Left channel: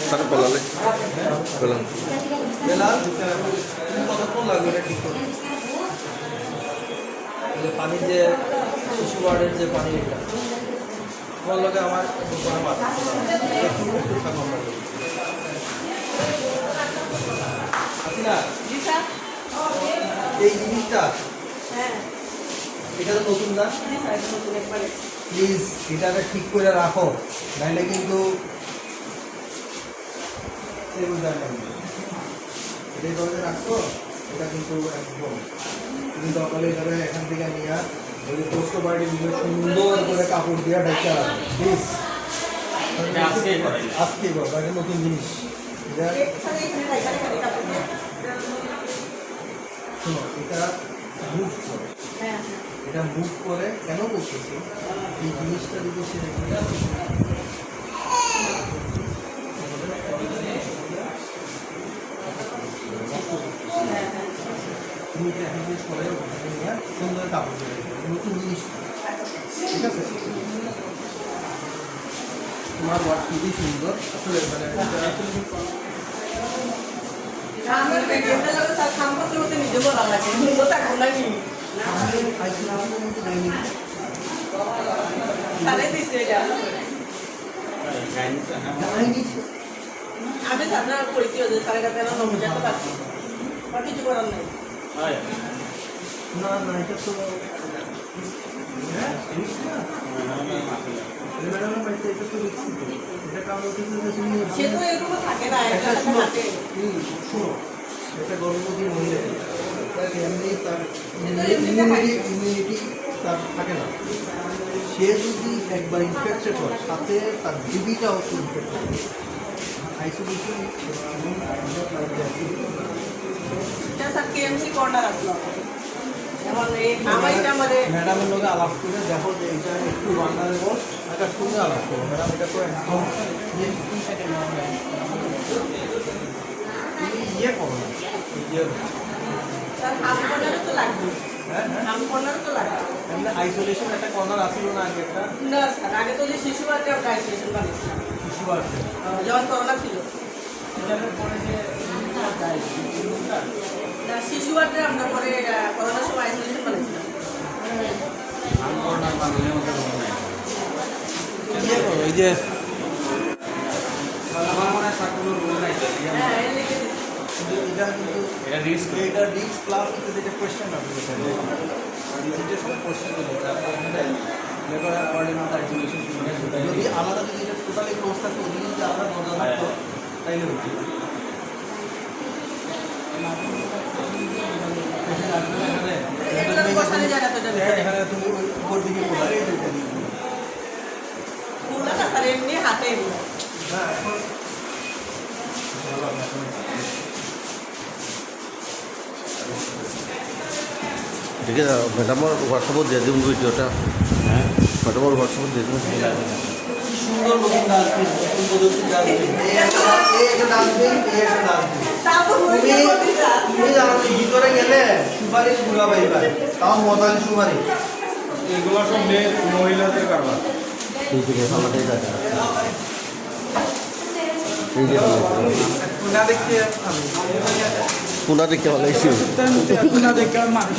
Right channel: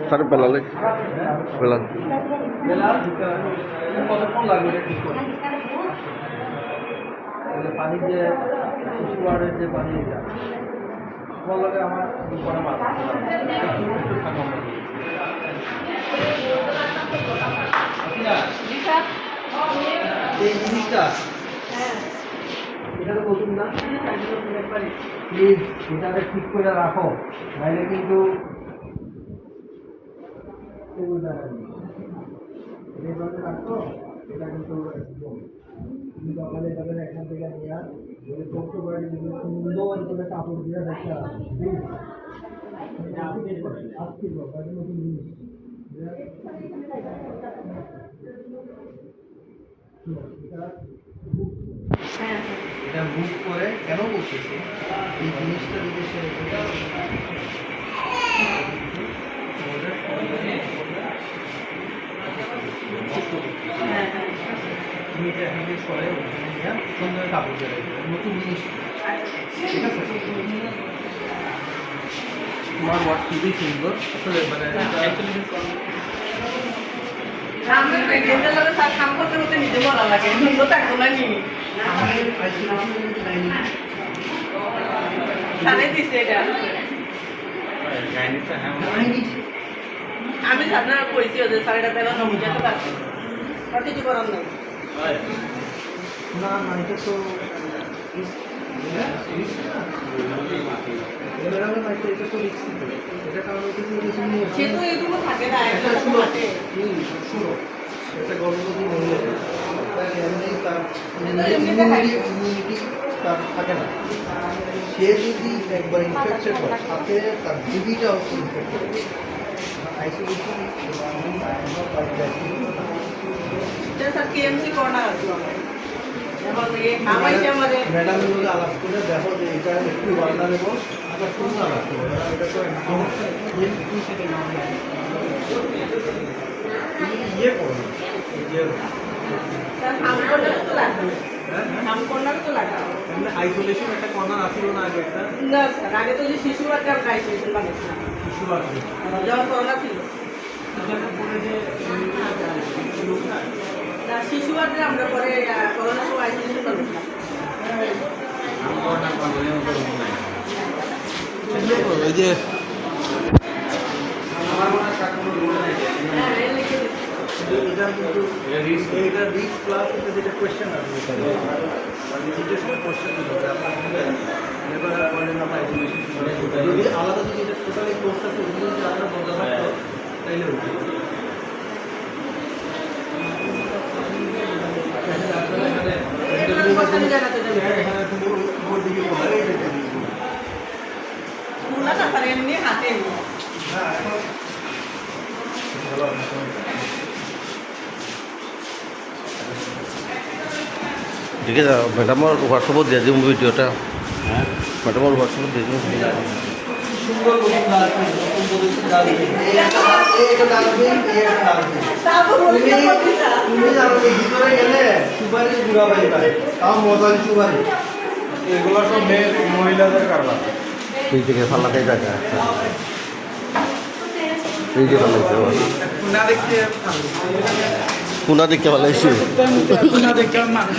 sir বেলালে Belal বেলা দিতে হবে কতক্ষণ লাগবে এটা ঠিক করে পানির যে শিশু ওয়ার্ডের যে পানি এটা তোমার লগে আমার দুপুরে মাছ একটু থাকা আমরা এই জিনিসটা এটা তো নতুন না প্লিজ এটাকে ঠিক করে রাখো নাইলে কিন্তু এটা রাখো এটা কিন্তু একদম কিন্তু সকালে এখানে এখান থেকে নিয়ে ওই পোস্ট বাড়ি সুন্দর করে কাপড় দিয়ে ঢাকা রাখো প্লিজ আজকে করো এটা নতুন জিনিস শোনো এটা মুভ করে এটা মুভ করে কেন করতেছে এই জিনিসটা যদি সে তুমি এটা এখন সরে ওখানে নিয়ে সুন্দর কাপড় দিয়ে নতুন জিনিস ঠিক আছে তোমার ওয়ার্ড খুবই সুন্দর আসলে মানে আমি আপনার পরিচয় যে স্যার এটা পেলাম কিছু করার নাই না না এটা তো সে তো এরকম থাকে না একটা থাকে শুনো এটা গর্ভবতী মহিলা এমনি তার ইমিউনিটি তার থাকে না সে যদি একবার ইনফেক্টেড হয় তাতে তার বেবিটাও ইনফেক্টেড হবে আইসোলেশন স্যার কেএমসি কর্নার আসলো এখন এই হামাইছে আমাদের ম্যাডামের লোকে আলাপ করে দেখো যে এটা একটু বাংলা নেব আকাশ সঙ্গে আলাপ করবো ম্যাডাম এটা তো একদম ইয়ে করো না ইয়ে আইসোলেশন একটা কর্নার আসছিল না আগে একটা না স্যার আগে তো যে শিশু একটা আইসোলেশন বানিয়েছিলাম শিশু আছে যখন করোনা ছিল না শিশু ওয়ার্ডে আমরা পরে করোনার সময় আইসোলেশন বানিয়েছিলাম ওই যে এটা কিন্তু এটা রিস্ক প্লাস যেটা কোয়েশ্চেন আসবে কোয়েশ্চেন আপনার এখানে লেবার করলেন না আইসোলেশন যদি আলাদা যদি এটা টোটালি কোর্স থাকে ওই যদি আলাদা বদলা থাকতো তাইলে হতো এখানে তুমি উপর দিকে বলা এই উপর দিকে বলা না স্যার এমনি হাতে হ্যাঁ এখন ভালো ঠিক আছে ম্যাডামৰ হোৱাটছআপত দিয়া দিম ভিডিঅ'টা ম্যাডামৰ হোৱাটছআপত দিয়া দিম সুন্দর নতুন ডাস্টবিন নতুন পদ্ধতির ডাস্টবিন একটা ডাস্টবিন তুমি জানো যে ভিতরে গেলে সুপারিশ গুঁড়া পাইবা তাও মজালি সুপারিশ এগুলো সব মেয়ে মহিলাদের কারবার এই থেকে ফালাতেই টাকা এই যে ফালাইছে না দেখতে পুনা দেখে ফালাইছে না দেখতে মানুষ